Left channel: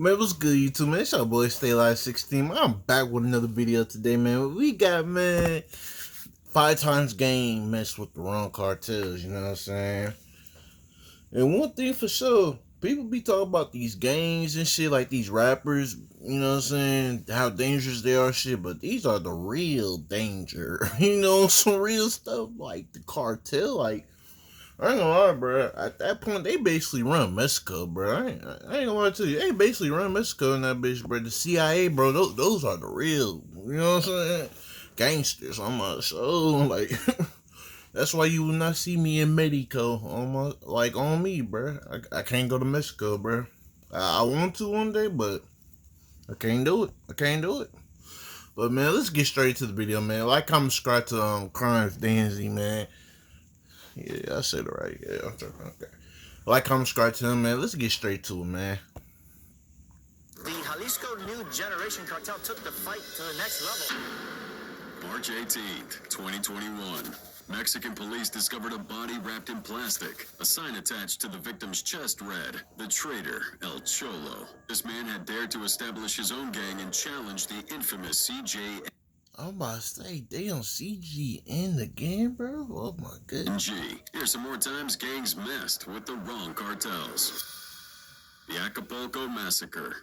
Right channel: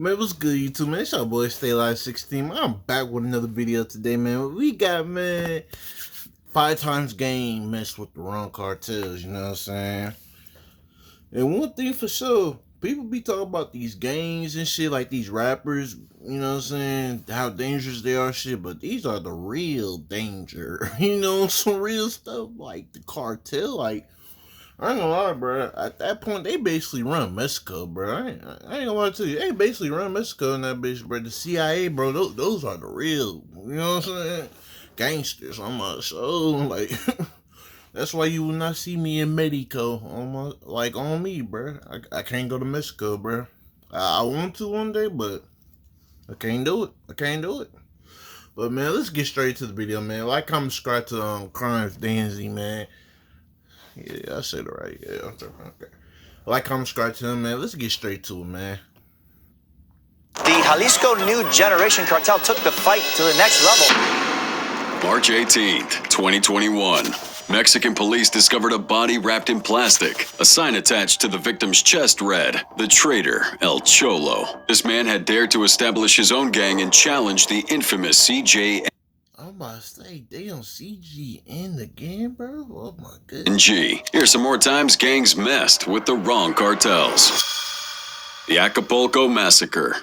Man, what's good, YouTube, man? It's your boy, Stay Alive 16. I'm back with another video today, man. We got, man, 5 times game messed with the wrong cartels, you know what I'm saying? And one thing for sure, people be talking about these gangs and shit, like these rappers, you know what I'm saying? How dangerous they are, shit, but these are the real danger, you know, some real stuff like the cartel, like, I ain't gonna lie, bro. At that point, they basically run Mexico, bro. I ain't gonna lie to you. They basically run Mexico in that bitch, bro. The CIA, bro. Those are the real, you know what I'm saying? Gangsters on my soul. Like, that's why you will not see me in Mexico on me, bro. I can't go to Mexico, bro. I want to one day, but I can't do it. But man, let's get straight to the video, man. Like, comment, subscribe to Crimes Dynasty, man. Yeah, I said it right. Yeah, okay. Like, comment, subscribe to him, man. Let's get straight to it, man. The Jalisco New Generation Cartel took the fight to the next level. March 18th, 2021. Mexican police discovered a body wrapped in plastic. A sign attached to the victim's chest read, "The traitor, El Cholo." This man had dared to establish his own gang and challenge the infamous CJNG. I'm about to say, they on CJNG again, bro? Oh my goodness. Here's some more times gangs messed with the wrong cartels. The Acapulco Massacre.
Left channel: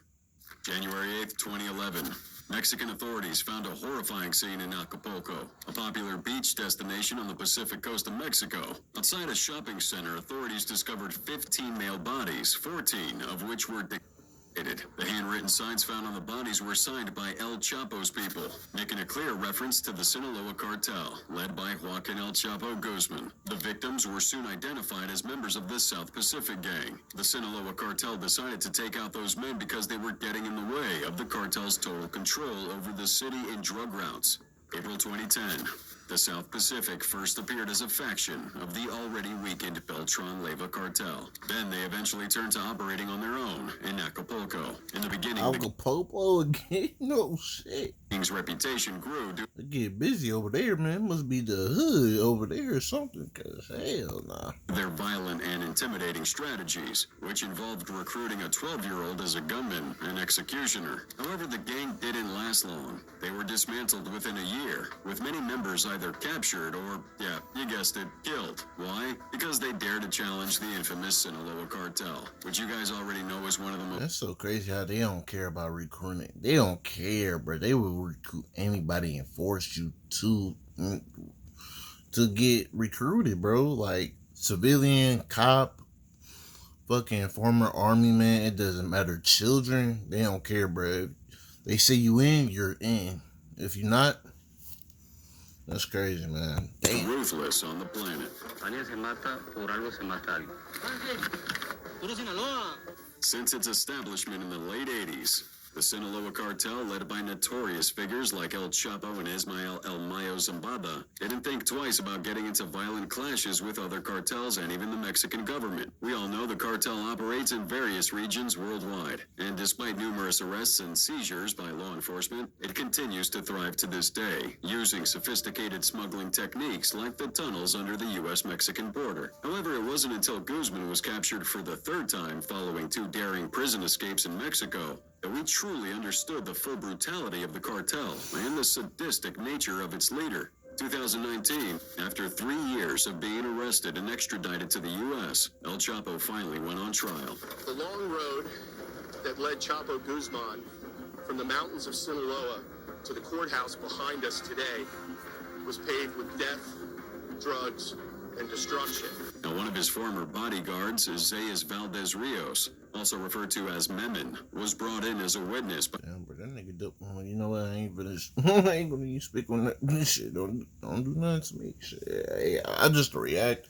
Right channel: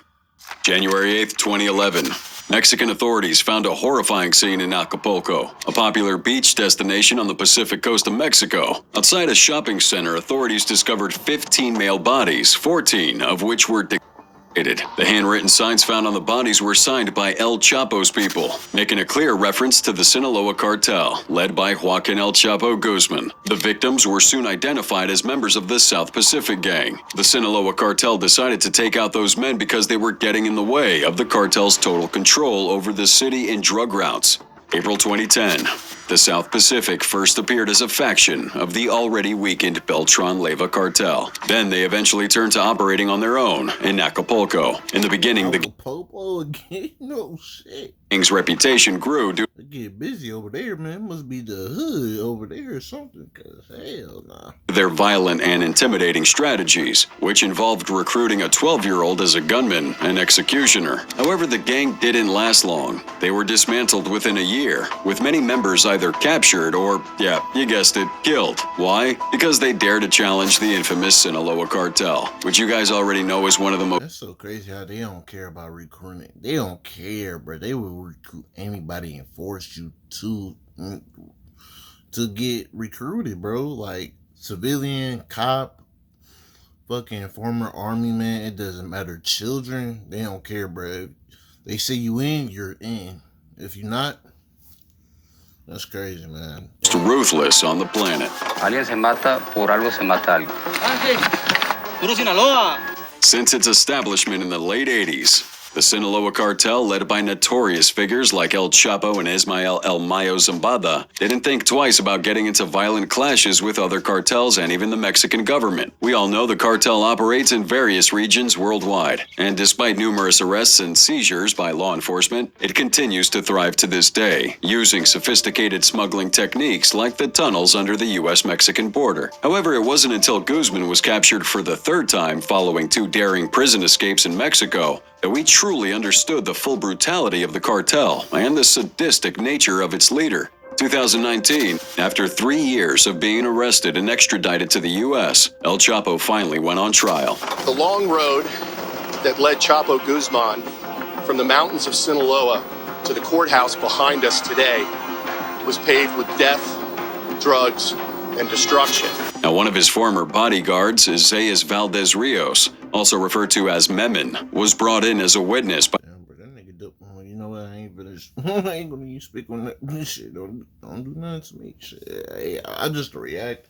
January 8th, 2011. Mexican authorities found a horrifying scene in Acapulco, a popular beach destination on the Pacific coast of Mexico. Outside a shopping center, authorities discovered 15 male bodies, 14 of which were decapitated. The handwritten signs found on the bodies were signed by El Chapo's people, making a clear reference to the Sinaloa cartel, led by Joaquin El Chapo Guzman. The victims were soon identified as members of the South Pacific gang. The Sinaloa cartel decided to take out those men because they were getting in the way of the cartel's total control over the city and drug routes. April 2010. The South Pacific first appeared as a faction of the already weakened Beltran Leyva cartel. Then they eventually turned to operating on their own in Acapulco. In the beginning, Acapulco again? No shit. Gang's reputation grew due. They get busy over there, man. It must be the hood over there or something, cause hell nah. Their violent and intimidating strategies, which involved recruiting a 12-year-old as a gunman and executioner. However, the gang didn't last long. They were dismantled within a year, with many members either captured or, yeah, you guessed it, killed. Why? Because they dared to challenge the infamous Sinaloa cartel, which you guys already know is one of the most... That's so crazy how they don't care about recruiting. They don't care, bro. They will recruit anybody and force you to get recruited, bro. Like, civilian, cop, fucking former army man, it doesn't matter. Children, they don't care, bro. They say you in, you're in. If you're not, that's crazy, man. Ruthless on the planet. Alguien se mata, por algo se mata algo. Puro Sinaloa. Since its establishment in the late 80s, the Sinaloa cartel, led by notorious figures like El Chapo and Ismael El Mayo Zambada, didn't think twice about getting into violent clashes with other cartels and even the Mexican government. We all know the cartel operates in various regions worldwide, and despite numerous arrests and seizures by law enforcement, it continues to thrive to this day, using sophisticated smuggling techniques like the tunnels under the U.S.-Mexican border. However, it wasn't until Guzman was captured for the third time following 2 daring prison escapes in Mexico that we truly understood the full brutality of the cartel and the sadistic nature of its leader. 2019, after 3 years of being arrested and extradited to the U.S., El Chapo finally went on trial. The long road that led Chapo Guzman from the mountains of Sinaloa to the courthouse behind us today was paved with death, drugs, and destruction. Now, one of his former bodyguards, Isaias Valdez Rios, also referred to as Memon, was brought in as a witness. Damn, bro, that nigga dope. You know what? I ain't gonna even speak on that shit. Don't do nothing to me. Shit. Hey, I just react.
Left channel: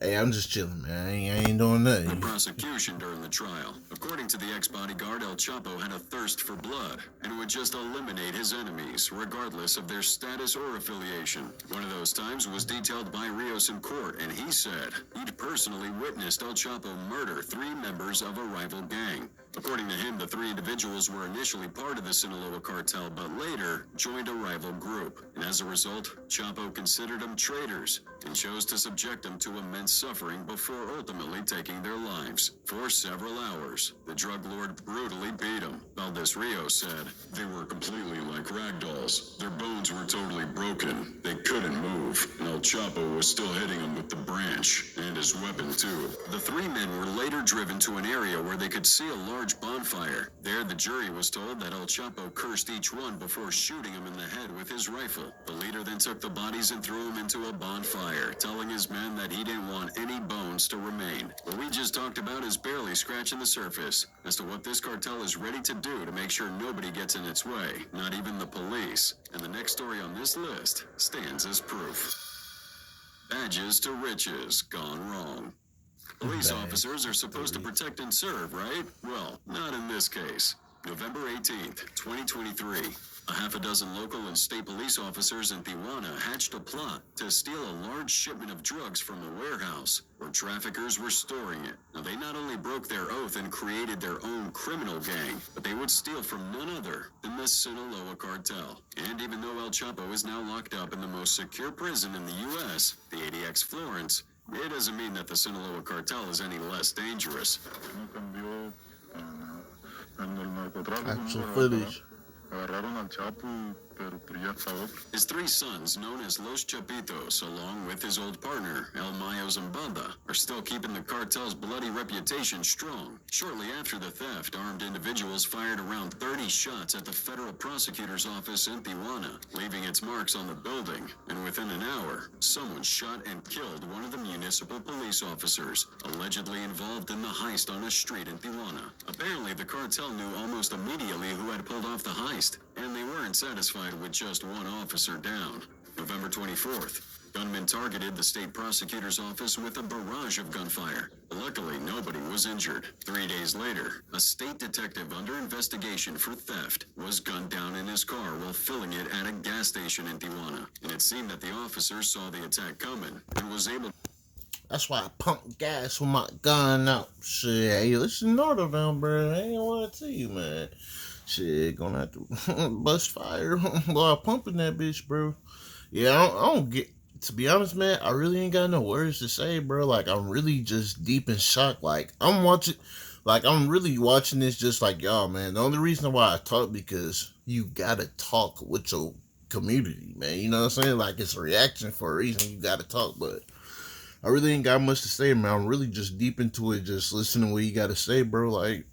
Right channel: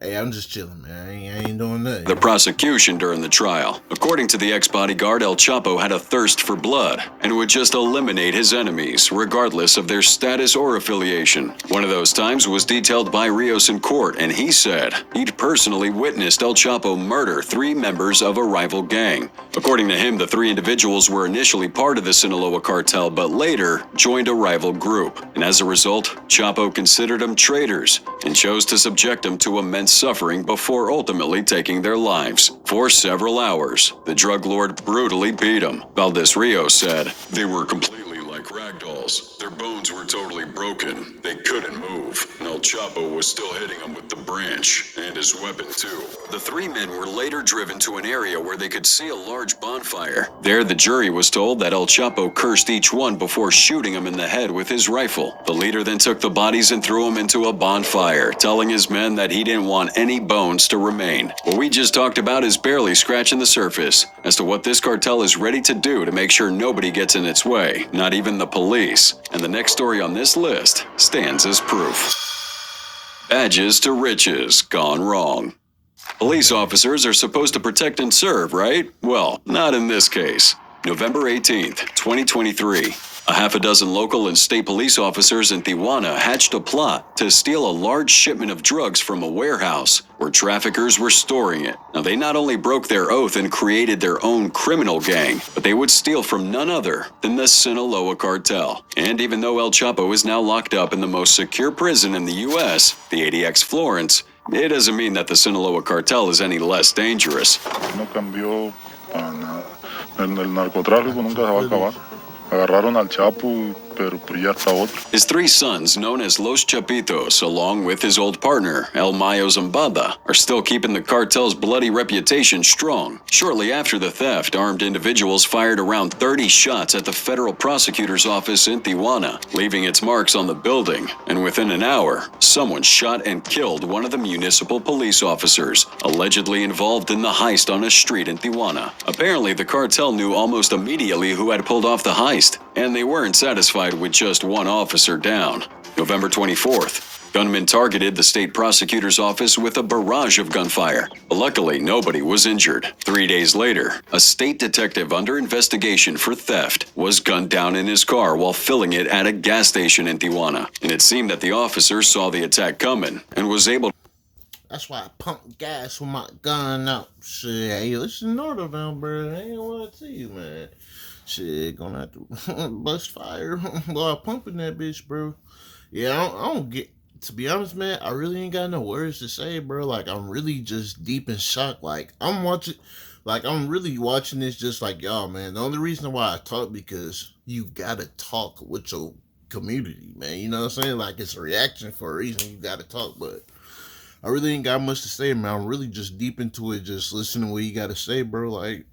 I'm just chilling, man. I ain't doing nothing. The prosecution during the trial. According to the ex-bodyguard, El Chapo had a thirst for blood and would just eliminate his enemies, regardless of their status or affiliation. One of those times was detailed by Rios in court, and he said he'd personally witnessed El Chapo murder 3 members of a rival gang. According to him, the 3 individuals were initially part of the Sinaloa cartel, but later joined a rival group. And as a result, Chapo considered them traitors and chose to subject them to immense and suffering before ultimately taking their lives. For several hours, the drug lord brutally beat him. Valdez Rios said, "They were completely like ragdolls. Their bones were totally broken. They couldn't move. And El Chapo was still hitting them with the branch and his weapon too." The three men were later driven to an area where they could see a large bonfire. There, the jury was told that El Chapo cursed each one before shooting him in the head with his rifle. The leader then took the bodies and threw them into a bonfire, telling his men that he didn't want any bones to remain. What we just talked about is barely scratching the surface as to what this cartel is ready to do to make sure nobody gets in its way, not even the police. And the next story on this list stands as proof. Badges to riches gone wrong. Police officers are supposed to protect and serve, right? Well, not in this case. November 18th, 2023. A half a dozen local and state police officers in Tijuana hatched a plot to steal a large shipment of drugs from a warehouse where traffickers were storing it. Now, they not only broke their oath and created their own criminal gang, but they would steal from none other than the Sinaloa cartel. And even though El Chapo is now locked up in the most secure prison in the U.S., the ADX Florence, it doesn't mean that the Sinaloa cartel is any less dangerous. No cambió para nada. El narcotráfico nunca se va a acabar. Agarraron al Chapo, pero ya está otro. His three sons, known as Los Chapitos, along with his old partner, El Mayo Zambada, are still keeping the cartel's bloody reputation strong. Shortly after the theft, armed individuals fired around 30 shots at the federal prosecutor's office in Tijuana, leaving its marks on the building. And within an hour, someone shot and killed one of the municipal police officers, allegedly involved in the heist on a street in Tijuana. Apparently, the cartel knew almost immediately who had pulled off the heist, and they weren't satisfied with just one officer down. November 24th, gunmen targeted the state prosecutor's office with a barrage of gunfire. Luckily, nobody was injured. 3 days later, a state detective under investigation for theft was gunned down in his car while filling it at a gas station in Tijuana. And it seemed that the officer saw the attack coming and was able. That's why I pump gas with my gun out. Shit, hey, listen, Nordo down, bro. I ain't want to tell you, man. Shit, gonna have to bust fire while pumping that bitch, bro. Yeah, I don't get, to be honest, man, I really ain't got no words to say, bro. Like, I'm really just deep in shock. Like, I'm really watching this just like y'all, man. The only reason why I talk, because you gotta talk with your community, man. You know what I'm saying? Like, it's a reaction for a reason. You gotta talk, but I really ain't got much to say, man. I'm really just deep into it, just listening to what you gotta say, bro. Like,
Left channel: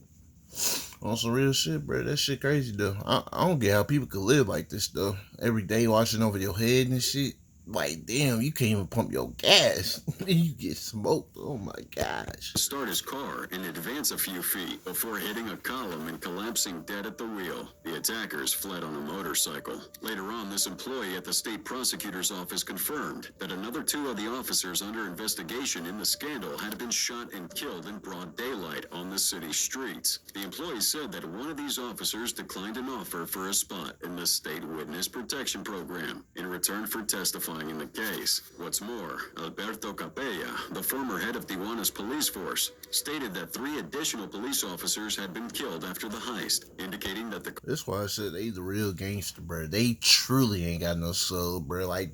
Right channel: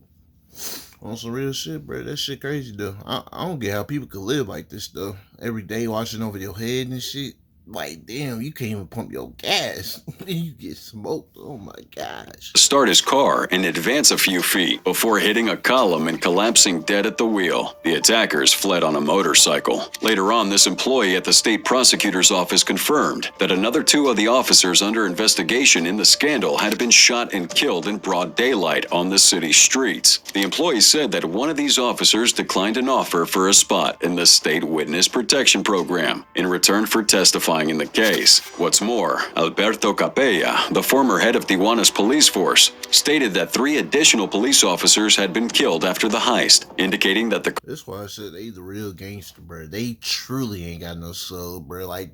on some real shit, bro. That shit crazy, though. I don't get how people could live like this, though. Every day watching over your head and shit. Like, damn, you can't even pump your gas. You get smoked. Oh, my gosh. Start his car and advance a few feet before hitting a column and collapsing dead at the wheel. The attackers fled on a motorcycle. Later on, this employee at the state prosecutor's office confirmed that another two of the officers under investigation in the scandal had been shot and killed in broad daylight on the city streets. The employee said that one of these officers declined an offer for a spot in the state witness protection program in return for testifying in the case. What's more, Alberto Capella, the former head of Tijuana's police force, stated that 3 additional police officers had been killed after the heist, indicating that the... That's why I said they the real gangster, bro. They truly ain't got no soul, bro. Like,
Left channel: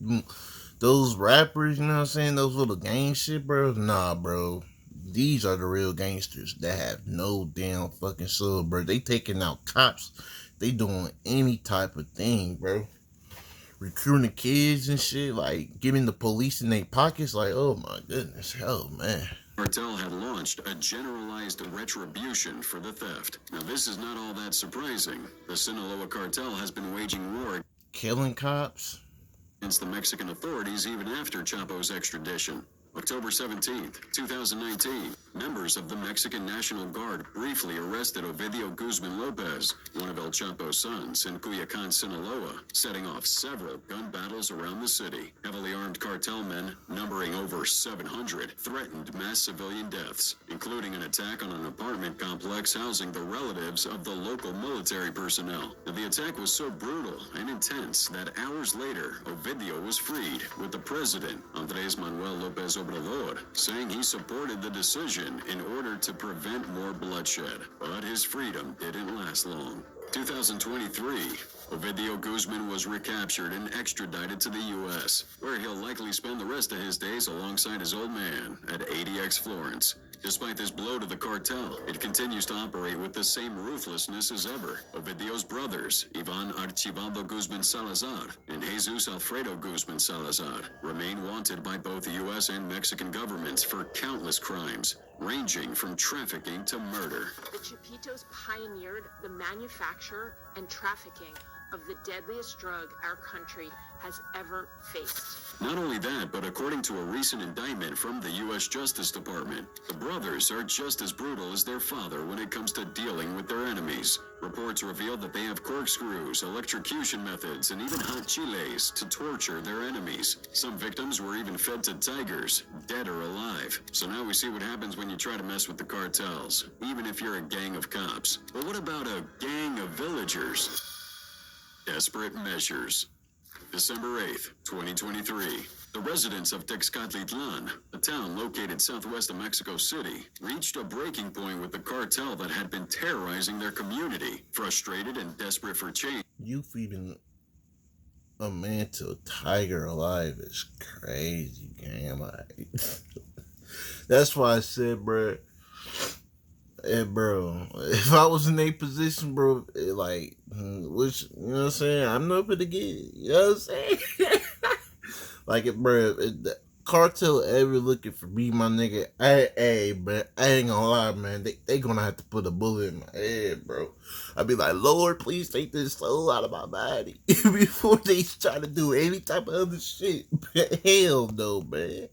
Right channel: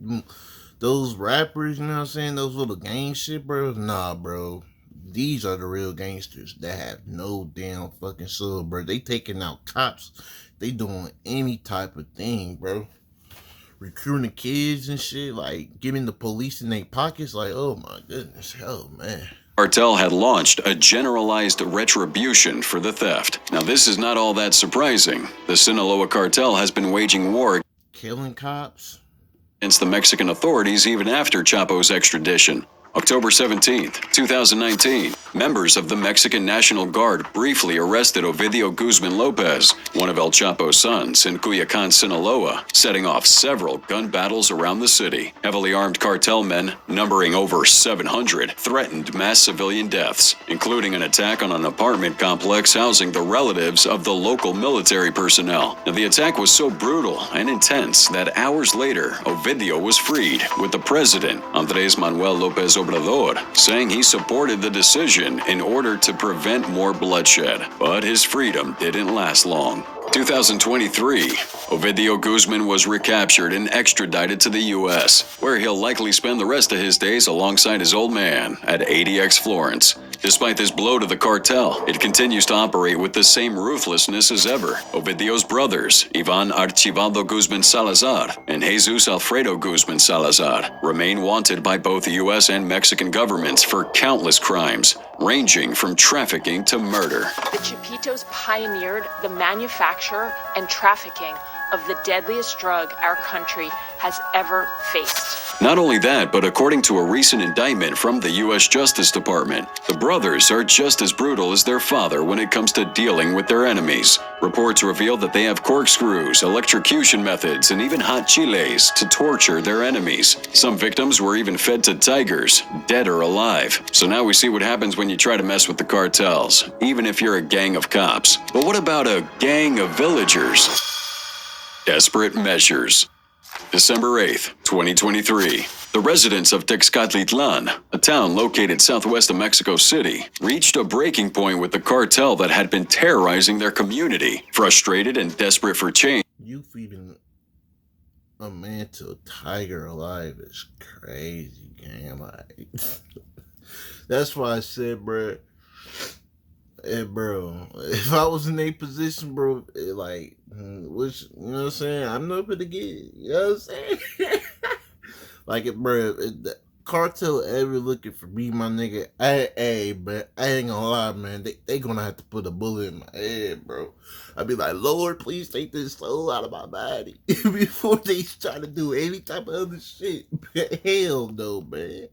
those rappers, you know what I'm saying? Those little gang shit, bro. Nah, bro. These are the real gangsters that have no damn fucking soul, bro. They taking out cops. They doing any type of thing, bro. Recruiting kids and shit, like giving the police in their pockets, like, oh my goodness, oh man. Cartel had launched a generalized retribution for the theft. Now, this is not all that surprising. The Sinaloa cartel has been waging war Killing cops against the Mexican authorities even after Chapo's extradition. October 17th, 2019, members of the Mexican National Guard briefly arrested Ovidio Guzman Lopez, one of El Chapo's sons, in Culiacan, Sinaloa, setting off several gun battles around the city. Heavily armed cartel men, numbering over 700, threatened mass civilian deaths, including an attack on an apartment complex housing the relatives of the local military personnel. Now, the attack was so brutal and intense that hours later, Ovidio was freed, with the president, Andrés Manuel López Obrador, saying he supported the decision detention in order to prevent more bloodshed. But his freedom didn't last long. 2023, Ovidio Guzman was recaptured and extradited to the U.S., where he'll likely spend the rest of his days alongside his old man at ADX Florence. Despite this blow to the cartel, it continues to operate with the same ruthlessness as ever. Ovidio's brothers, Ivan Archibaldo Guzman Salazar and Jesus Alfredo Guzman Salazar, remain wanted by both the U.S. and Mexican governments for countless crimes, ranging from trafficking to murder. The Chapitos pioneered the manufacture and trafficking of the deadliest drug our country has ever faced. Not only that, but according to a recent indictment from the U.S. Justice Department, the brothers are just as brutal as their father when it comes to dealing with their enemies. Reports reveal that they have corkscrews, electrocution methods, and even hot chiles to torture their enemies. Some victims were even fed to tigers, dead or alive. So now we see what happens when you try to mess with the cartels, even if you're a gang of cops. But what about a gang of villagers? Desperate measures. December 8th, 2023. The residents of Texcatitlan, a town located southwest of Mexico City, reached a breaking point with the cartel that had been terrorizing their community. Frustrated and desperate for change, You feeding a man to a tiger alive is crazy, gang. Like, that's why I said, bro. Hey, bro, if I was in a position, bro, like, which, you know what I'm saying? I'm not gonna get, you know what I'm saying? Like, bro, if the cartel ever looking for me, my nigga, but I ain't gonna lie, man, they gonna have to put a bullet in my head, bro. I'd be like, Lord, please take this soul out of my body before they try to do any type of other shit. Hell no, man.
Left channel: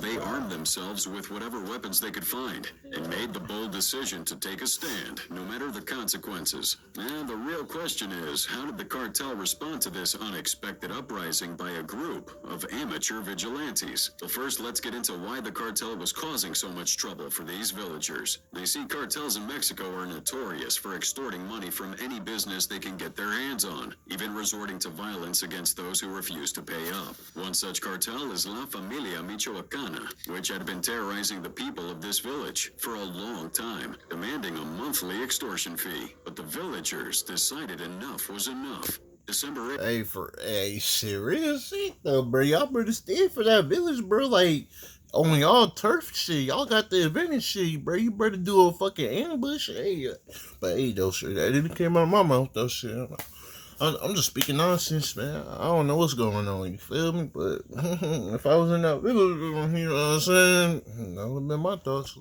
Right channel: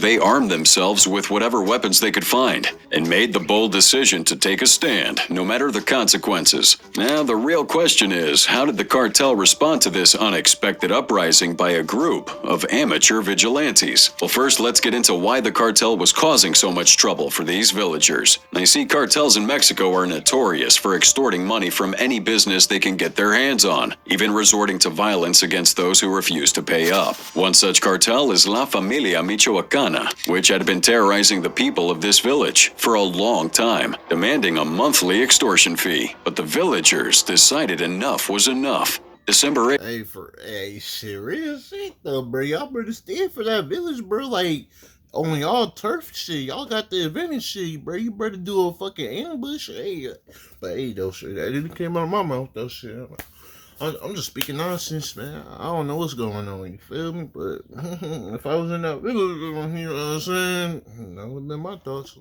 they armed themselves with whatever weapons they could find and made the bold decision to take a stand, no matter the consequences. Now, the real question is, how did the cartel respond to this unexpected uprising by a group of amateur vigilantes? Well, first, let's get into why the cartel was causing so much trouble for these villagers. Now, you see, cartels in Mexico are notorious for extorting money from any business they can get their hands on, even resorting to violence against those who refuse to pay up. One such cartel is La Familia Michoacana, which had been terrorizing the people of this village for a long time, demanding a monthly extortion fee. But the villagers decided enough was enough. December 8th. Hey, serious shit though, bro. Y'all better stand for that village, bro. Like, on y'all turf shit, y'all got the advantage shit, bro. You better do a fucking ambush. Hey, but hey, though, shit, that didn't came out of my mouth, though, shit. I'm just speaking nonsense, man. I don't know what's going on, you feel me? But if I was in that village, you know what I'm saying? That would have been my thoughts.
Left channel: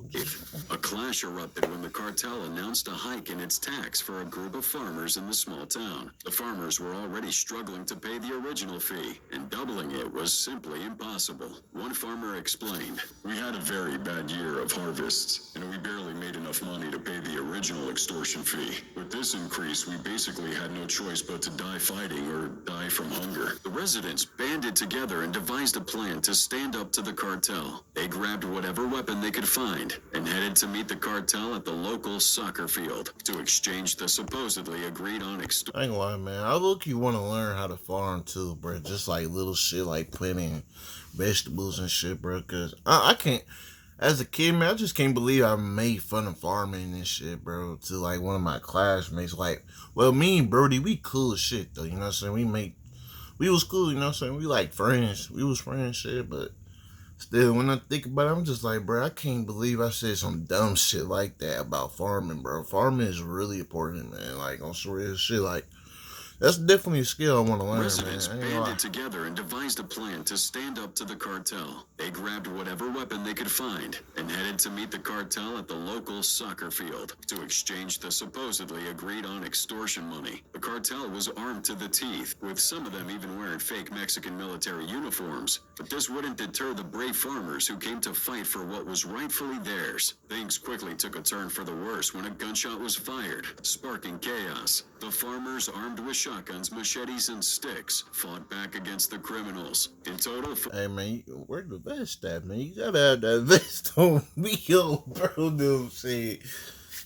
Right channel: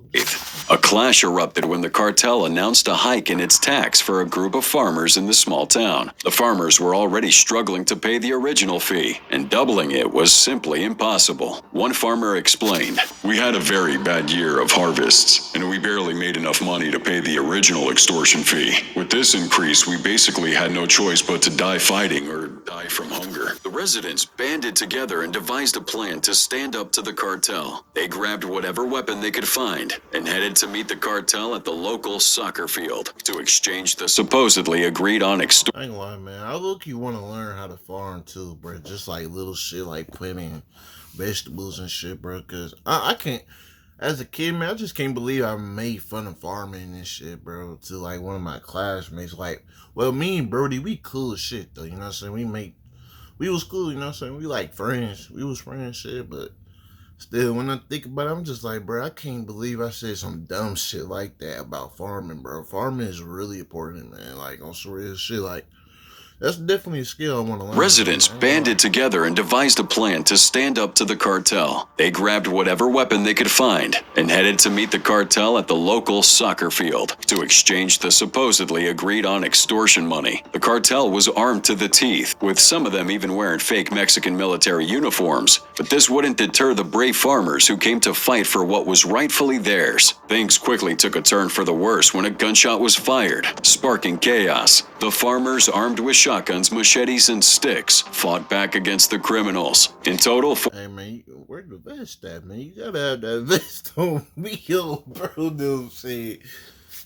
A clash erupted when the cartel announced a hike in its tax for a group of farmers in the small town. The farmers were already struggling to pay the original fee, and doubling it was simply impossible. One farmer explained, "We had a very bad year of harvests, and we barely made enough money to pay the original extortion fee. With this increase, we basically had no choice but to die fighting or die from hunger." The residents banded together and devised a plan to stand up to the cartel. They grabbed whatever weapon they could find and headed to meet the cartel at the local soccer field to exchange the supposedly agreed on extortion. I ain't gonna lie, man. I look-y want to learn how to farm too, bro. Just like little shit like planting vegetables and shit, bro. Cause I can't. As a kid, man, I just can't believe I made fun of farming and shit, bro. To like one of my classmates, like, well, me and Brody, we cool as shit though. You know what I'm saying? We was cool. You know what I'm saying? We like friends. We was friends, shit, but. Still, when I think about it, I'm just like, bro, I can't believe I said some dumb shit like that about farming, bro. Farming is really important, man. Like, on some real shit, like, that's definitely a skill I want to learn. Residents banded together and devised a plan to stand up to the cartel. They grabbed whatever weapon they could find and headed to meet the cartel at the local soccer field to exchange the supposedly agreed on extortion money. The cartel was armed to the teeth, with some of them even wearing fake Mexican military uniforms. But this wouldn't deter the brave farmers who came to fight for what was rightfully theirs. Things quickly took a turn for the worse when a gunshot was fired, sparking chaos. The farmers, armed with shotguns, machetes, and sticks, fought back against the criminals. In total, hey, man, where the vest at, man? You gotta have that vest on me, yo, bro. No shit.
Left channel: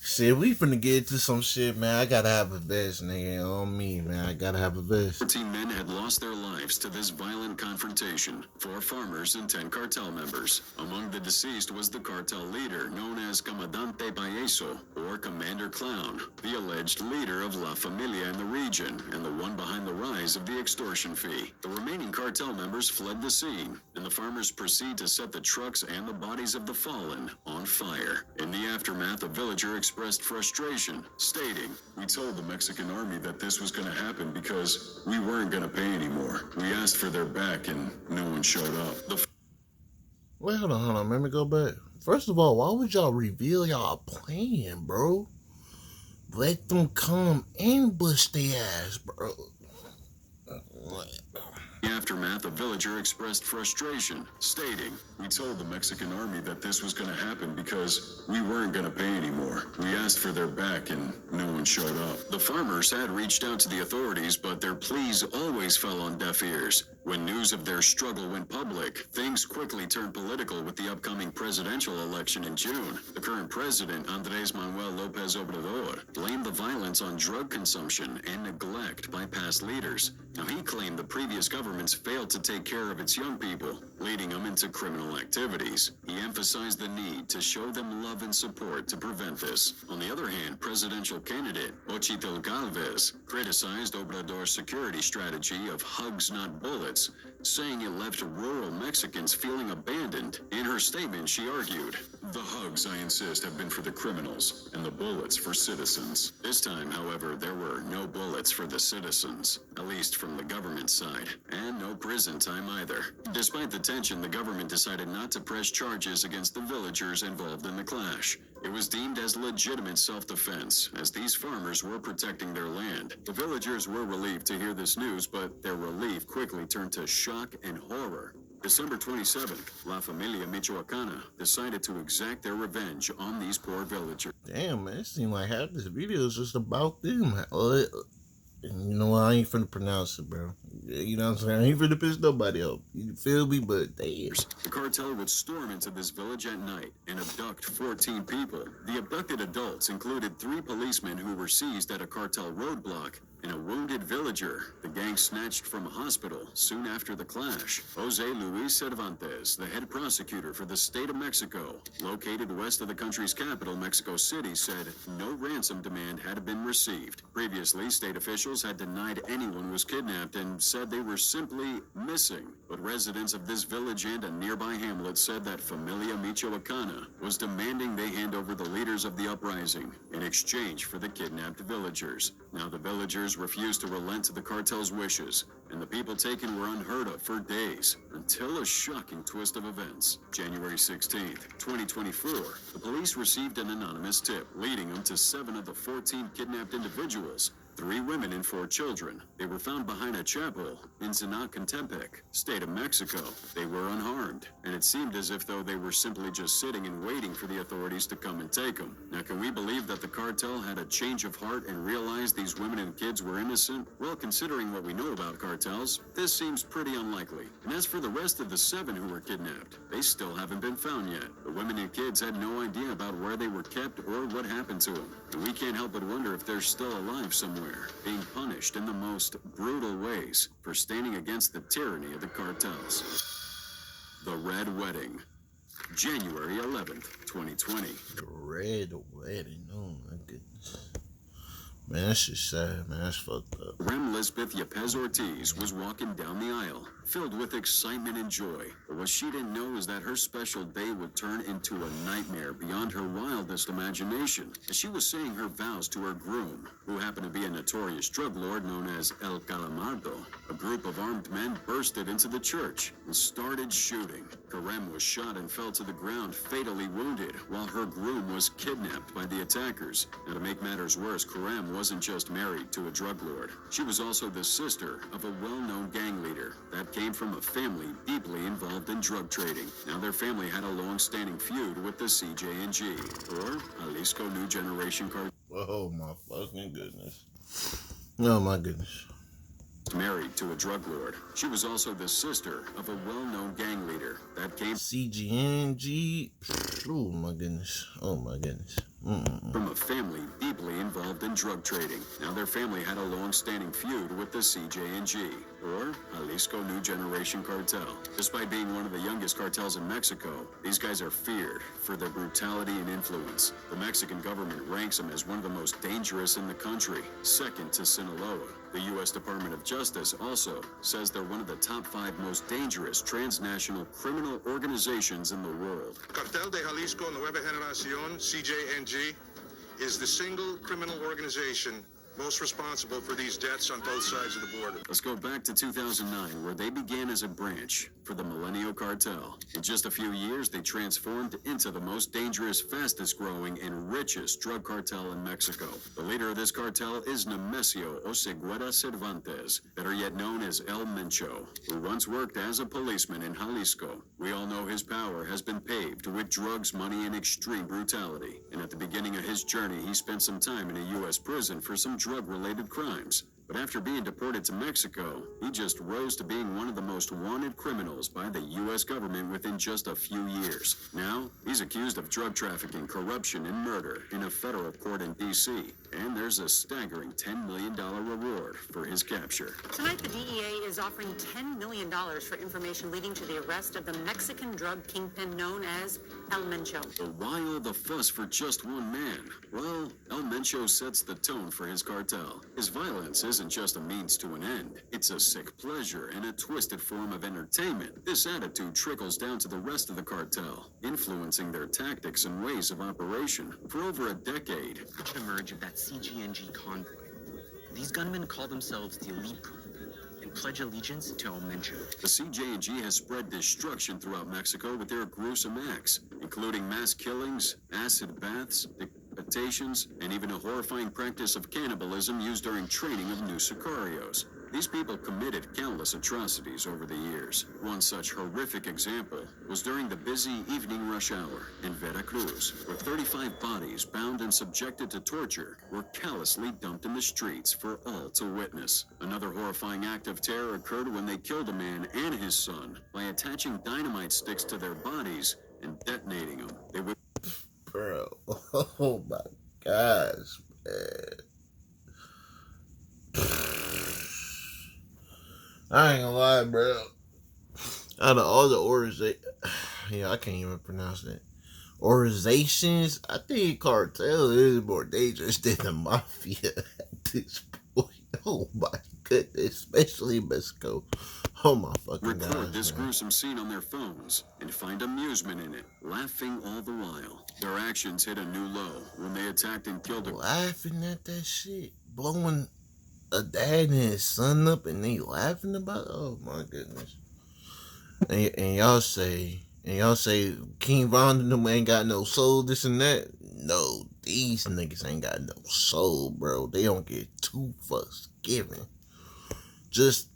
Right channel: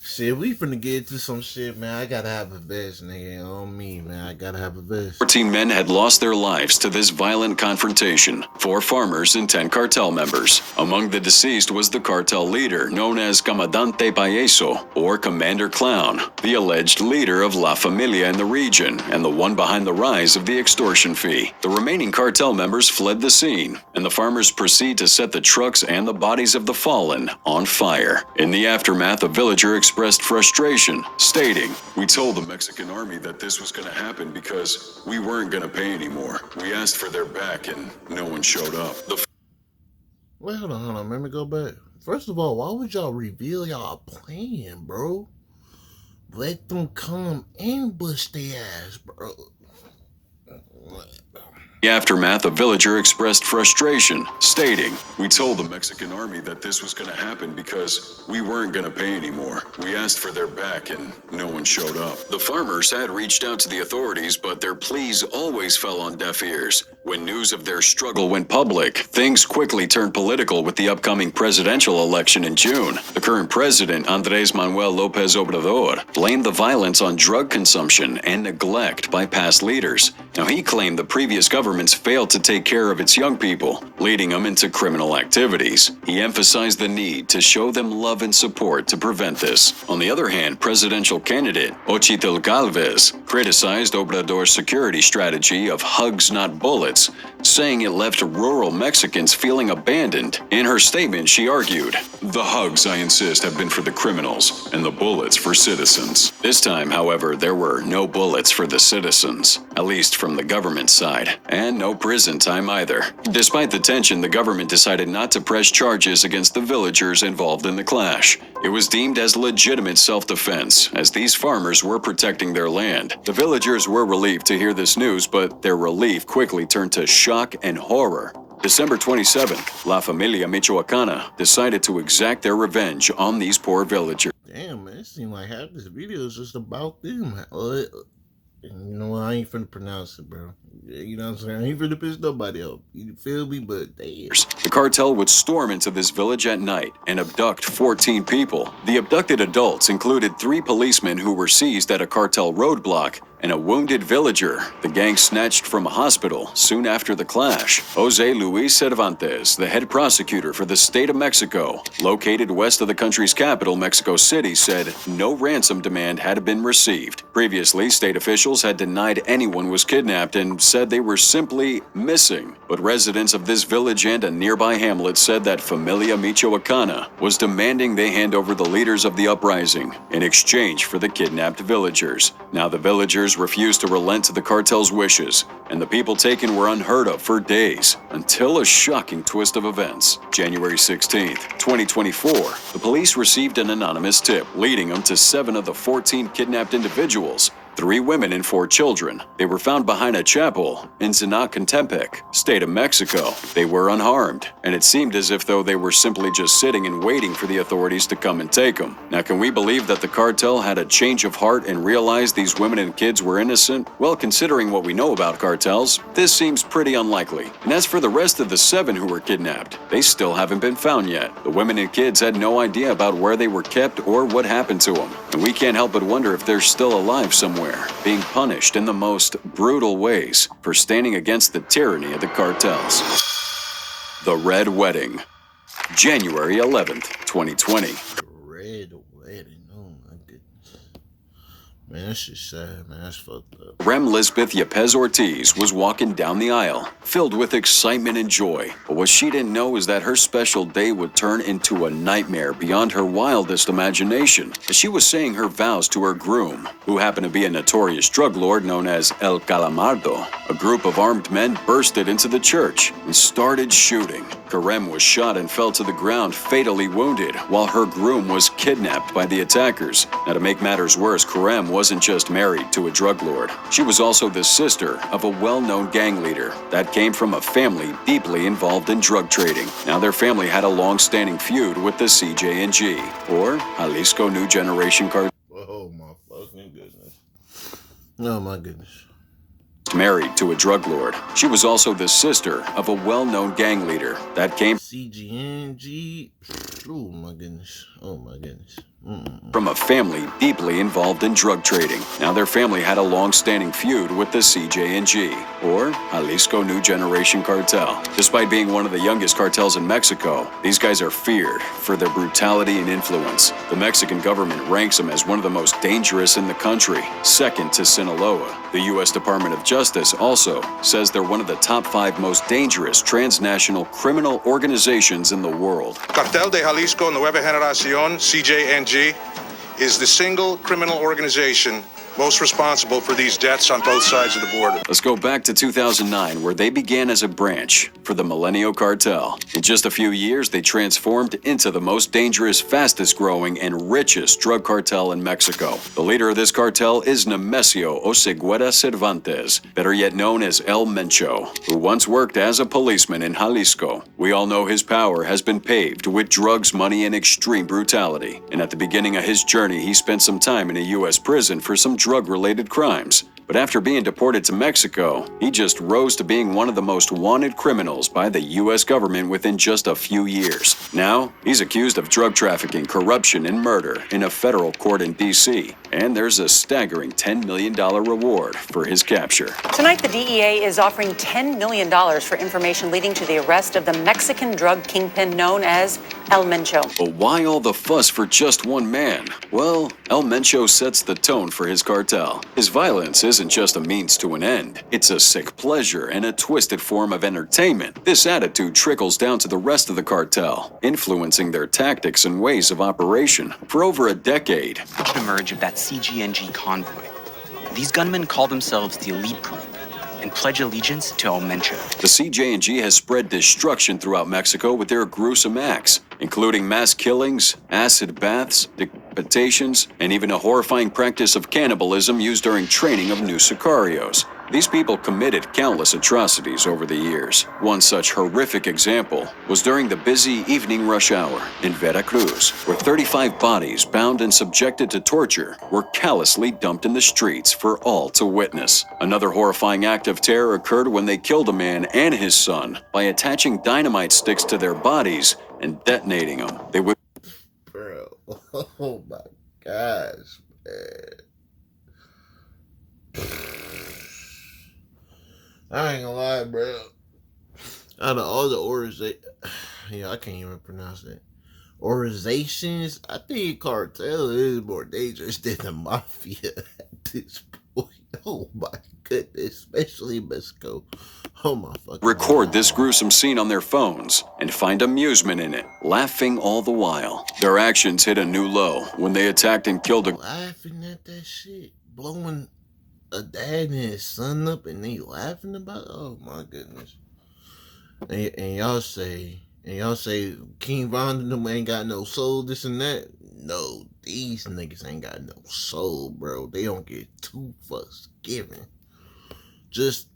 Shit, we finna get into some shit, man. I gotta have a vest, nigga. On me, man. I gotta have a vest. 14 men had lost their lives to this violent confrontation, 4 farmers and 10 cartel members. Among the deceased was the cartel leader, known as Comandante Payeso, or Commander Clown, the alleged leader of La Familia in the region, and the one behind the rise of the extortion fee. The remaining cartel members fled the scene, and the farmers proceed to set the trucks and the bodies of the fallen on fire. In the aftermath, a villager expressed frustration, stating, "We told the Mexican army that this was going to happen because we weren't going to pay anymore. We asked for their back and no one showed up." Wait, hold on. Let me go back. First of all, why would y'all reveal y'all plan, bro? Let them come ambush their ass, bro. the aftermath, a villager expressed frustration, stating, "We told the Mexican army that this was going to happen because we weren't going to pay anymore. We asked for their back and no one showed up." the farmers had reached out to the authorities, but their pleas always fell on deaf ears. When news of their struggle went public, things quickly turned political with the upcoming presidential election in June. The current president, Andrés Manuel López Obrador, blamed the violence on drug consumption and neglect by past leaders. Now, he claimed the previous governments failed to take care of its young people, leading them into criminal activities. He emphasized the need to show them love and support to prevent this. On the other hand, presidential candidate Xochitl Gálvez criticized Obrador's security strategy of hugs not bullets, saying it left rural Mexicans feeling abandoned. In her statement, she argued, "The hugs, I insist, have been for the criminals and the bullets for citizens." This time, however, there were no bullets for the citizens, at least from the government side, and no prison time either. Despite the tension, the government decided not to press charges against the villagers involved in the clash. It was deemed as legitimate self-defense, as these farmers were protecting their land. The villagers were relieved to hear this news, but their relief quickly turned to shock and horror. December 27th, La Familia Michoacana decided to exact their revenge on these poor villagers. Damn, man, it seems like half this video is just about them. You know what? I ain't finna pronounce it, bro. You know what I'm saying? I ain't finna piss nobody off. You feel me? But damn. The cartel would storm into this village at night and abduct 14 people. The abducted adults included 3 policemen who were seized at a cartel roadblock and a wounded villager the gang snatched from a hospital soon after the clash. Jose Luis Cervantes, the head prosecutor for the state of Mexico, located west of the country's capital, Mexico City, said no ransom demand had been received. Previously, state officials had denied anyone was kidnapped and said they were simply missing. But residents of this village and a nearby hamlet said that Familia Michoacana was demanding they hand over the leaders of the uprising in exchange for the kidnapped villagers. Now the villagers refused to relent to the cartel's wishes, and the people taken were unheard of for days, until a shocking twist of events. January 16th, 2024, the police received an anonymous tip, leading them to 7 of the 14 kidnapped individuals, 3 women and 4 children. They were found behind a chapel in Zinacantepec, state of Mexico. They were unharmed, and it seemed as if though they were simply just sitting and waiting for the authorities to come and take them. Now, can we believe that the cartel had a change of heart and realized these women and kids were innocent? Well, considering what we know about cartels, this seems pretty unlikely. And as for the rest of the 7 who were kidnapped, they still haven't been found yet. The women and kids had no idea about where they were kept or what happened to them, and we can't help but wonder if they're still alive somewhere, being punished in the most brutal ways for standing against the tyranny of the cartels. The Red Wedding, January 11th, 2020. Red wedding. Oh my goodness. Man, that's just sad, man. That's fucked up. Rem Lisbeth Yepes Ortiz was walking down the aisle, filled with excitement and joy. But what she didn't know is that her special day would turn into a nightmare beyond her wildest imagination, as she was saying her vows to her groom, who happened to be a notorious drug lord known as El Calamardo. A group of armed men bursted into the church and started shooting. Karem was shot and fell to the ground, fatally wounded, while her groom was kidnapped by the attackers. Now, to make matters worse, Karem wasn't just married to a drug lord. She was also the sister of a well-known gang leader that came from a family deeply involved in drug trading. Now, their family had a long-standing feud with the CJNG, or Jalisco New Generation Cartel. Oh my fucking goodness. Oh my goodness. Married to a drug lord. She was also the sister of a well-known gang leader that came CJNG. Oh my goodness. Oh my goodness. from a family deeply involved in drug trading. Now their family had a long-standing feud with the CJNG, or Jalisco New Generation Cartel. Despite being one of the youngest cartels in Mexico, these guys are feared for their brutality and influence. The Mexican government ranks them as one of the most dangerous in the country, second to Sinaloa. The U.S. Department of Justice also says they're one of the top 5 most dangerous transnational criminal organizations in the world. Cartel de Jalisco Nueva Generación, CJNG, is the single criminal organization most responsible for these deaths on both sides of the border. Let's go back to 2009, where they began as a branch for the Milenio Cartel. In just a few years, they transformed into the most dangerous, fastest growing, and richest drug cartel in Mexico. The leader of this cartel is Nemesio Oseguera Cervantes, better yet known as El Mencho, who once worked as a policeman in Jalisco. We all know his power has been paved with drugs, money, and extreme brutality. And at the beginning of his journey, he spent some time in a U.S. prison for some drug-related crimes. But after being deported to Mexico, he just rose to being one of the most wanted criminals by the U.S. government within just a few years. Now, he's accused of drug trafficking, corruption, and murder in a federal court in D.C. And there's a staggering $10 million reward for his capture. Tonight, the DEA is offering $10 million for information leading to the arrest of the Mexican drug kingpin known as El Mencho. But why all the fuss for just one man? Well, El Mencho sets the tone for his cartel. His violence isn't just a means to an end. It's a sick pleasure and a twisted form of entertainment. This attitude trickles down to the rest of the cartel, influencing their tactics and ways of operation for over a decade. Emerge of that CJNG convoy. These gunmen call themselves the elite group and pledge allegiance to El Mencho. The CJNG has spread destruction throughout Mexico with their gruesome acts, including mass killings, acid baths, decapitations, and even a horrifying practice of cannibalism used during training of new sicarios. These people committed countless atrocities over the years. One such horrific example was during the busy evening rush hour in Veracruz, where 35 bodies bound and subjected to torture were callously dumped in the streets for all to witness. Another horrifying act of terror occurred when they killed a man and his son by attaching dynamite sticks to their bodies and detonating them. They would... Bro, oh my gosh, man. I ain't gonna lie, bro. Out of all the I can't even pronounce that. Organizations, I think cartel is more dangerous than the mafia at this point. Oh my goodness, especially Mexico. Oh my fucking record God. This gruesome scene on their phones and find amusement in it, laughing all the while. Their actions hit a new low when they attacked and killed a... Laughing at that shit, blowing a dad and his son up, and they laughing about it? Oh my goodness. And y'all say King Von and them ain't got no soul, this and that. No, these niggas ain't got no soul, bro. They don't get 2 fucks given. Just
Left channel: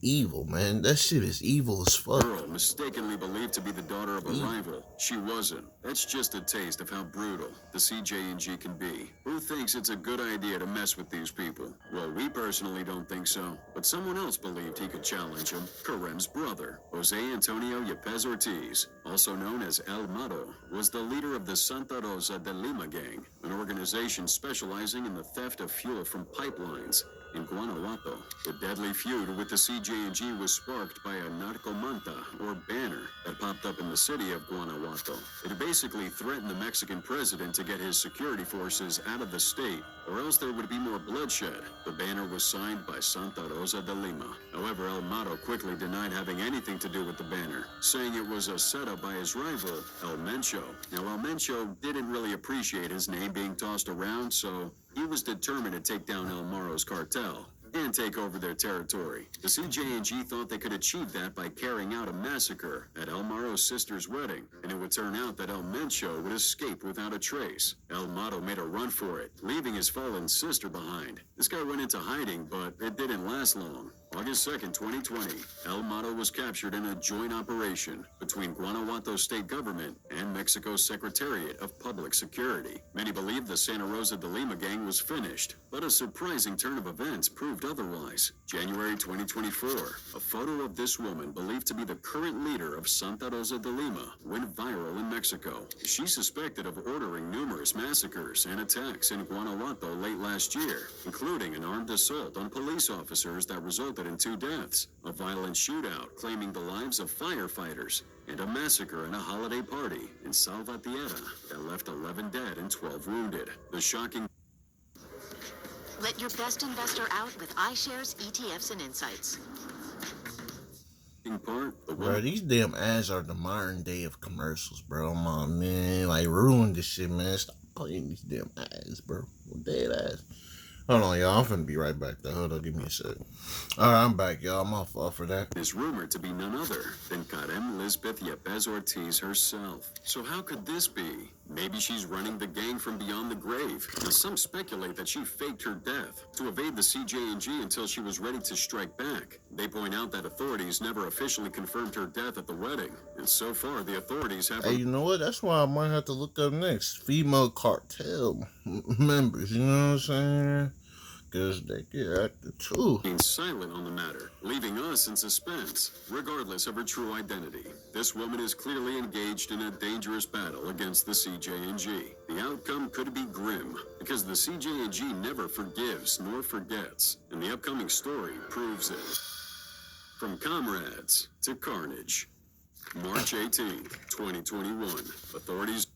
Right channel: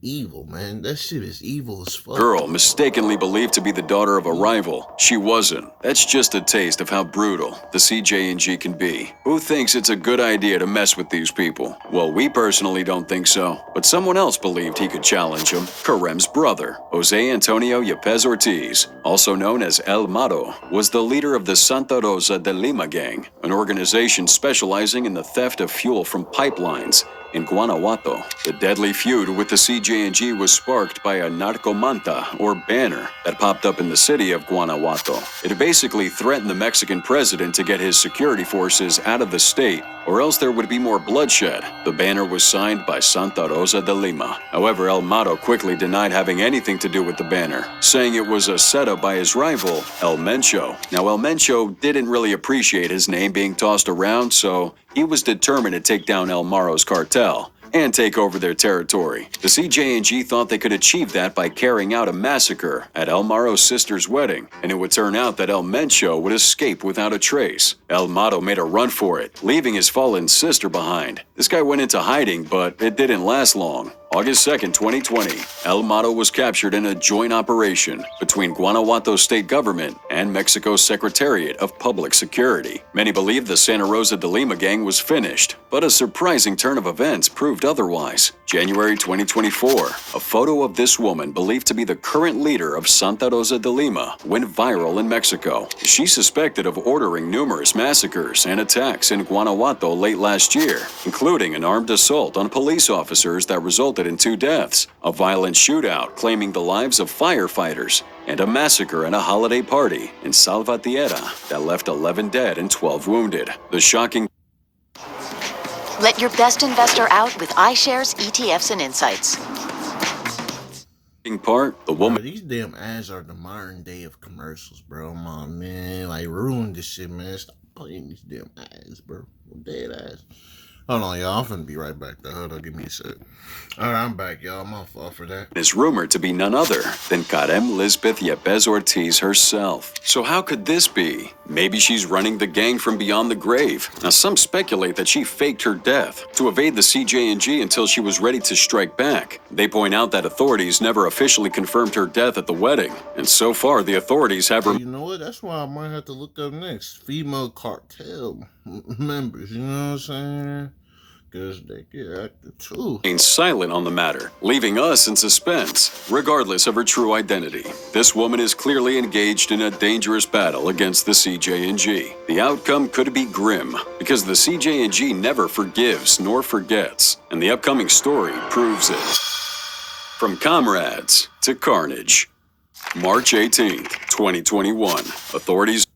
evil, man. That shit is evil as fuck. Girl mistakenly believed to be the daughter of a rival. She wasn't. That's just a taste of how brutal the CJNG can be. Who thinks it's a good idea to mess with these people? Well, we personally don't think so. But someone else believed he could challenge him. Carem's brother, Jose Antonio Yepes Ortiz, also known as El Mato, was the leader of the Santa Rosa de Lima gang, an organization specializing in the theft of fuel from pipelines in Guanajuato. The deadly feud with the CJNG was sparked by a narcomanta, or banner, that popped up in the city of Guanajuato. It basically threatened the Mexican president to get his security forces out of the state, or else there would be more bloodshed. The banner was signed by Santa Rosa de Lima. However, El Mato quickly denied having anything to do with the banner, saying it was a setup by his rival, El Mencho. Now, El Mencho didn't really appreciate his name being tossed around, so he was determined to take down El Maro's cartel and take over their territory. The CJNG thought they could achieve that by carrying out a massacre at El Maro's sister's wedding, and it would turn out that El Mencho would escape without a trace. El Mato made a run for it, leaving his fallen sister behind. This guy went into hiding, but it didn't last long. August 2nd, 2020, El Mato was captured in a joint operation between Guanajuato state government and Mexico's Secretariat of Public Security. Many believed the Santa Rosa de Lima gang was finished, but a surprising turn of events proved otherwise. January 2024, a photo of this woman believed to be the current leader of Santa Rosa de Lima went viral in Mexico. She's suspected of ordering numerous massacres and attacks in Guanajuato late last year, including an armed assault on police officers that resulted in 2 deaths, a violent shootout claiming the lives of firefighters, and a massacre at a holiday party in Salvatierra that left 11 dead and 12 wounded. The shocking Let your best investor out with iShares, ETFs, and insights. part, the woman. Bro, these damn ads are the modern day of commercials, bro. My man, like, ruined this shit, man. Stop playing these damn ads, bro. Dead ass. Hold on, y'all. I'm finna be right back, though. Hold on, give me a sec. All right, I'm back, y'all. I'm off for that. Is rumored to be none other than Karen Lisbeth Yepes Ortiz herself. So how could this be? Maybe she's running the gang from beyond the grave. Now, some speculate that she faked her death to evade the CJNG until she was ready to strike back. They point out that authorities never officially confirmed her death at the wedding, and so far the authorities have... Hey, you know what? That's why I might have to look up next. Female cartel members, you know what I'm saying? Because they get active too. Silent on the matter, leaving us in suspense. Regardless of her true identity, this woman is clearly engaged in a dangerous battle against the CJNG. The outcome could be grim, because the CJNG never forgives nor forgets, and the upcoming story proves it. From comrades to carnage. March 18th, 2021, authorities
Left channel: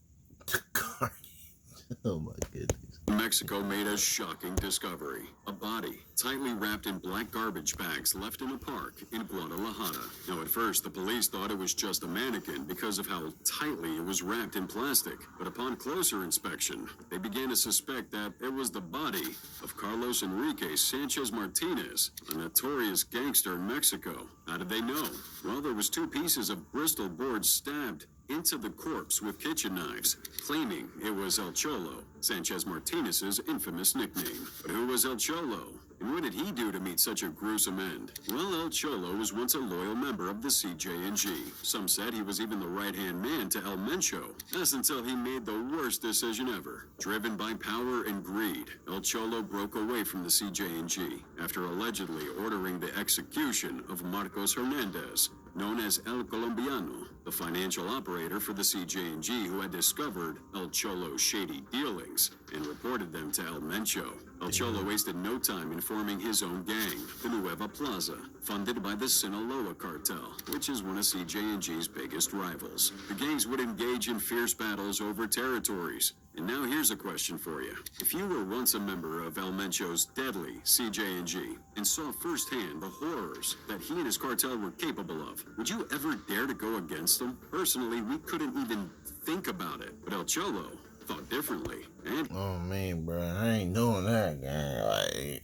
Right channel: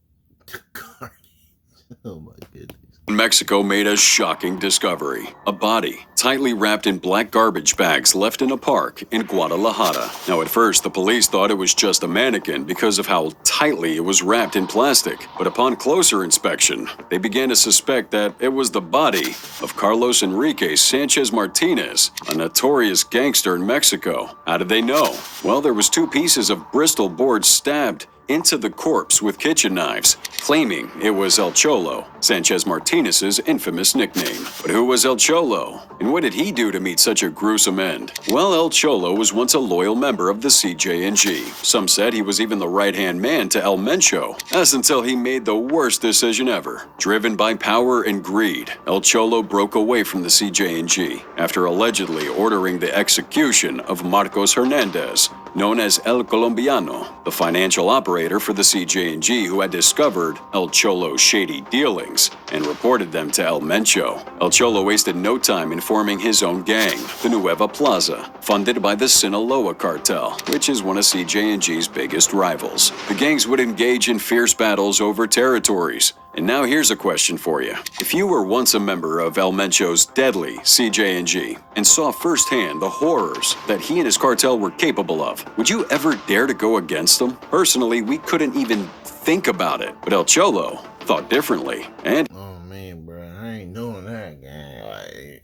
Oh my goodness. Mexico made a shocking discovery. A body, tightly wrapped in black garbage bags left in a park in Guadalajara. Now, at first, the police thought it was just a mannequin because of how tightly it was wrapped in plastic. But upon closer inspection, they began to suspect that it was the body of Carlos Enrique Sanchez Martinez, a notorious gangster in Mexico. How did they know? Well, there was 2 pieces of Bristol board stabbed into the corpse with kitchen knives, claiming it was El Cholo, Sanchez Martinez's infamous nickname. But who was El Cholo? And what did he do to meet such a gruesome end? Well, El Cholo was once a loyal member of the CJNG. Some said he was even the right-hand man to El Mencho. That's until he made the worst decision ever. Driven by power and greed, El Cholo broke away from the CJNG after allegedly ordering the execution of Marcos Hernandez, known as El Colombiano, the financial operator for the CJNG who had discovered El Cholo's shady dealings and reported them to El Mencho. El Cholo wasted no time in forming his own gang, the Nueva Plaza, funded by the Sinaloa cartel, which is one of CJNG's biggest rivals. The gangs would engage in fierce battles over territories. And now here's a question for you. If you were once a member of El Mencho's deadly CJNG and saw firsthand the horrors that he and his cartel were capable of, would you ever dare to go against them? Personally, we couldn't even think about it. But El Cholo thought differently. And oh man, bro, I ain't doing that, gang. Like,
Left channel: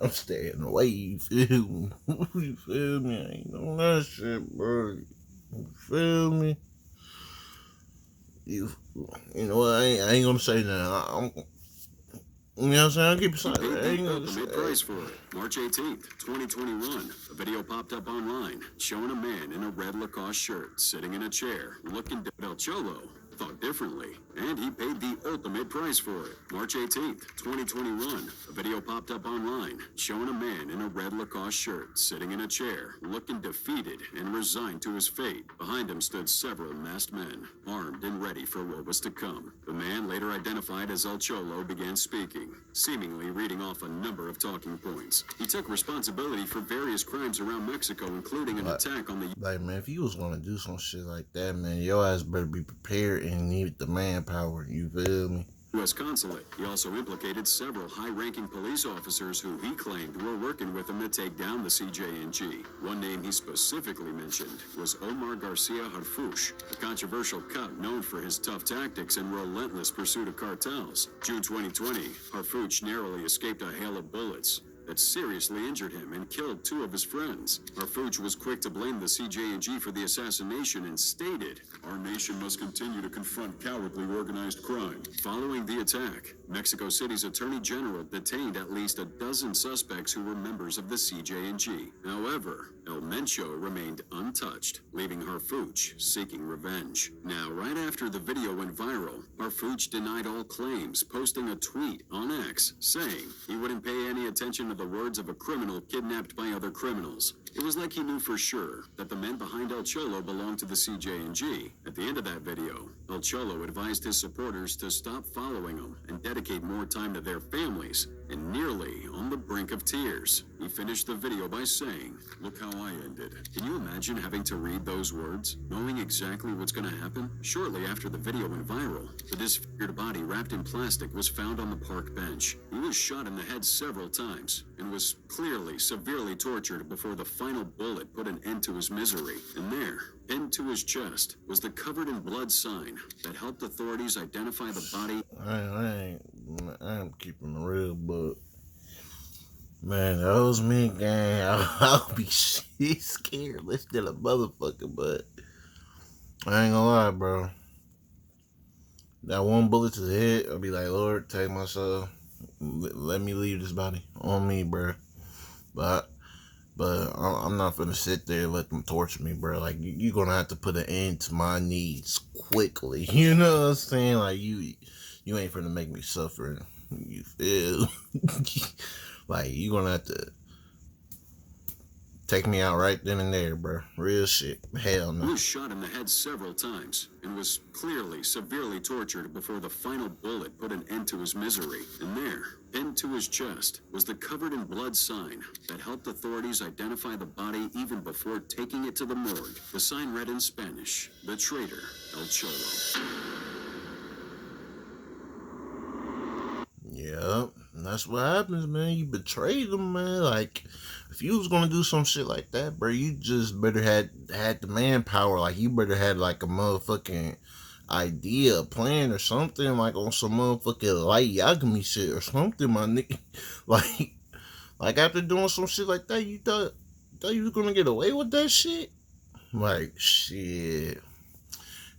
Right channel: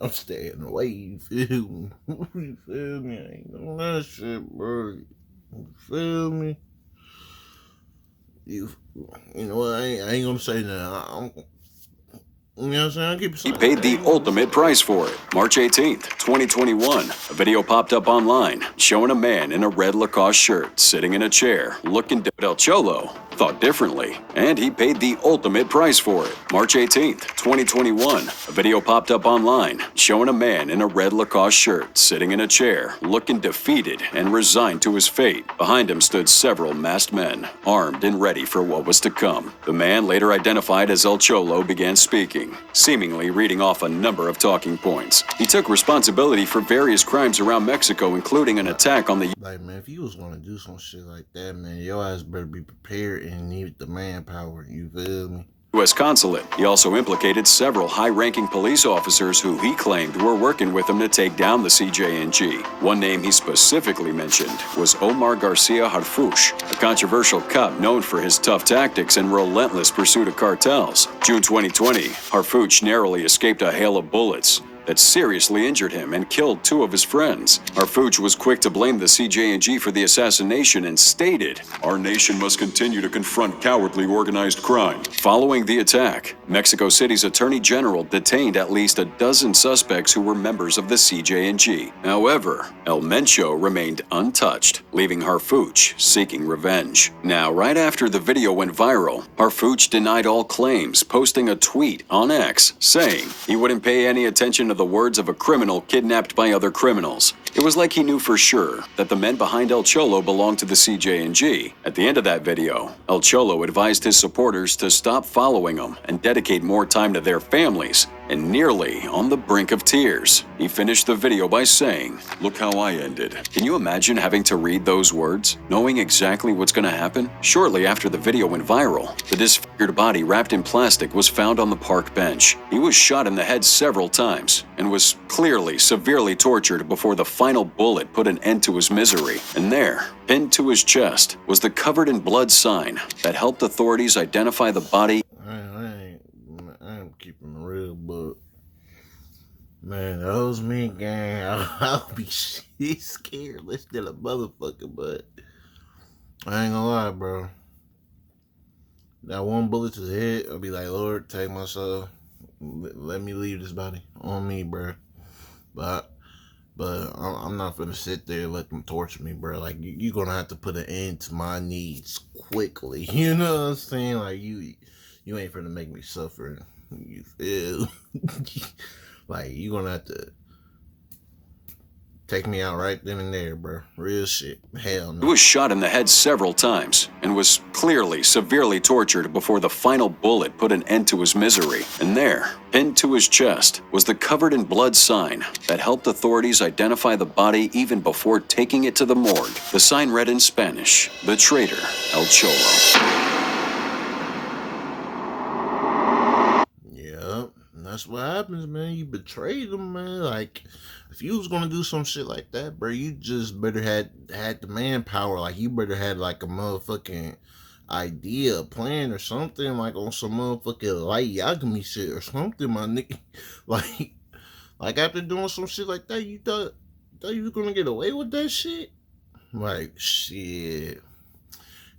I'm staying away. You feel me? You feel me? I ain't doing that shit, bro. You feel me? You know what? I ain't gonna say that. You know what I'm saying? I'll keep it he paid the ultimate price for it. March 18th, 2021, a video popped up online showing a man in a red Lacoste shirt sitting in a chair looking at El Cholo. Thought differently, and he paid the ultimate price for it. March 18th, 2021, a video popped up online showing a man in a red Lacoste shirt sitting in a chair looking defeated and resigned to his fate. Behind him stood several masked men, armed and ready for what was to come. The man, later identified as El Cholo, began speaking, seemingly reading off a number of talking points. He took responsibility for various crimes around Mexico, including an attack on the... Like, man, if you was gonna do some shit like that, man, your ass better be prepared and need the manpower, you feel me? U.S. consulate. He also implicated several high-ranking police officers who he claimed were working with him to take down the CJNG. One name he specifically mentioned was Omar Garcia Harfuch, a controversial cop known for his tough tactics and relentless pursuit of cartels. June 2020, Harfuch narrowly escaped a hail of bullets that seriously injured him and killed 2 of his friends. Harfuch was quick to blame the CJNG for the assassination and stated, "Our nation must continue to confront cowardly organized crime." following the attack, Mexico City's Attorney General detained at least a dozen suspects who were members of the CJNG. However, El Mencho remained untouched, leaving Harfuch seeking revenge. Now, right after the video went viral, Harfuch denied all claims, posting a tweet on X saying he wouldn't pay any attention to the words of a criminal kidnapped by other criminals. It was like he knew for sure that the men behind El Cholo belonged to the CJNG. At the end of that video, El Cholo advised his supporters to stop following him and dedicate more time to their families, and nearly on the brink of tears, he finished the video by saying, "Look how I ended." Can you imagine having to read those words, knowing exactly what's going to happen? Shortly after the video went viral, the disfigured body wrapped in plastic was found on the park bench. He was shot in the head several times and was clearly severely tortured before the final bullet put an end to his misery. And there, pinned to his chest, was the covered in blood sign that helped authorities identify the body. I ain't keeping it real, but man, that was me, gang. I'll be scared less than a motherfucker, but I ain't gonna lie, bro. That one bullet to the head, I'll be like, Lord, take my soul. Let me leave this body on me, bro. But I'm not gonna sit there and let them torture me, bro. Like, you're gonna have to put an end to my needs quickly. You know what I'm saying? Like, you ain't finna make me suffer. You feel? Like, you gonna have to take me out right then and there, bro. Real shit. Hell no. He was shot in the head several times and was clearly severely tortured before the final bullet put an end to his misery. And there, pinned to his chest, was the covered in blood sign that helped authorities identify the body even before taking it to the morgue. The sign read in Spanish, "The traitor, El Cholo." Yep, that's what happens, man. You betrayed them, man. Like, if you was gonna do some shit like that, bro, you just better had the manpower. Like, you better had like a motherfucking idea, a plan or something, like on some motherfucking light Yagami shit or something, my nigga. Like after doing some shit like that, you thought you was gonna get away with that shit? Like, shit.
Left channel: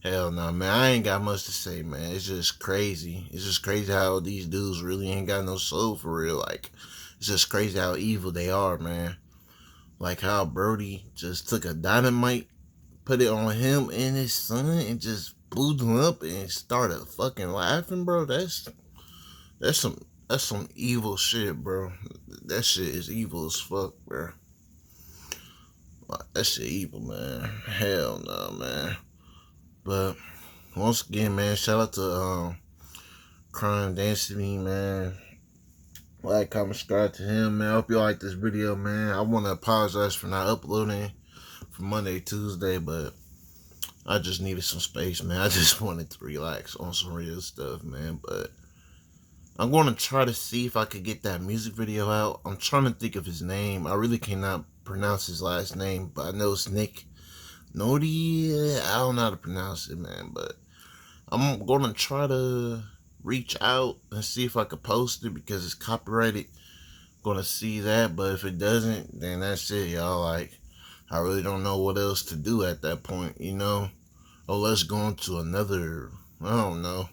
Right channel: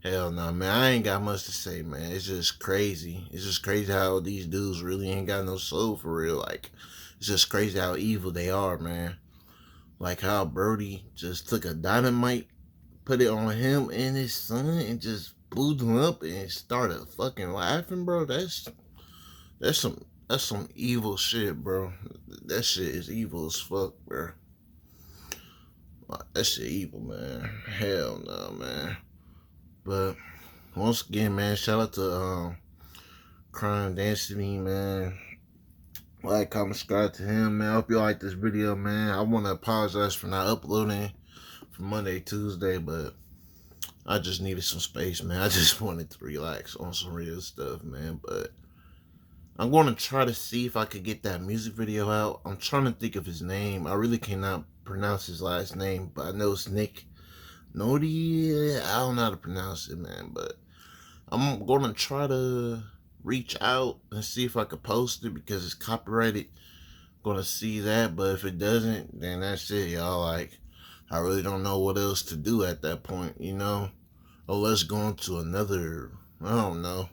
Hell no, man. I ain't got much to say, man. It's just crazy. It's just crazy how these dudes really ain't got no soul for real. Like, it's just crazy how evil they are, man. Like how Brody just took a dynamite, put it on him and his son, and just blew them up and started fucking laughing, bro. That's some evil shit, bro. That shit is evil as fuck, bro. That shit evil, man. Hell no, man. But once again, man, shout out to Dynasty, man. Like, comment, subscribe to him, man. I hope you like this video, man. I want to apologize for not uploading for Monday, Tuesday, but I just needed some space, man. I just wanted to relax on some real stuff, man. But I'm going to try to see if I could get that music video out. I'm trying to think of his name. I really cannot pronounce his last name, but I know it's Nick Nodi. I don't know how to pronounce it, man, but I'm going to try to reach out and see if I could post it because it's copyrighted. Going to see that, but if it doesn't, then that's it, y'all. Like, I really don't know what else to do at that point, you know? Oh, let's go on to another, I don't know.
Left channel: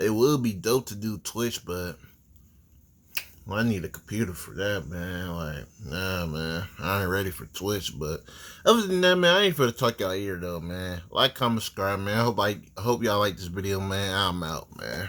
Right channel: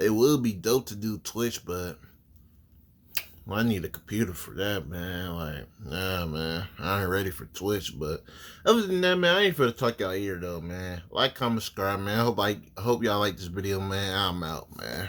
It would be dope to do Twitch, but I need a computer for that, man. Like, nah, man. I ain't ready for Twitch, but other than that, man, I ain't finna talk y'all ear, though, man. Like, comment, subscribe, man. I hope y'all like this video, man. I'm out, man.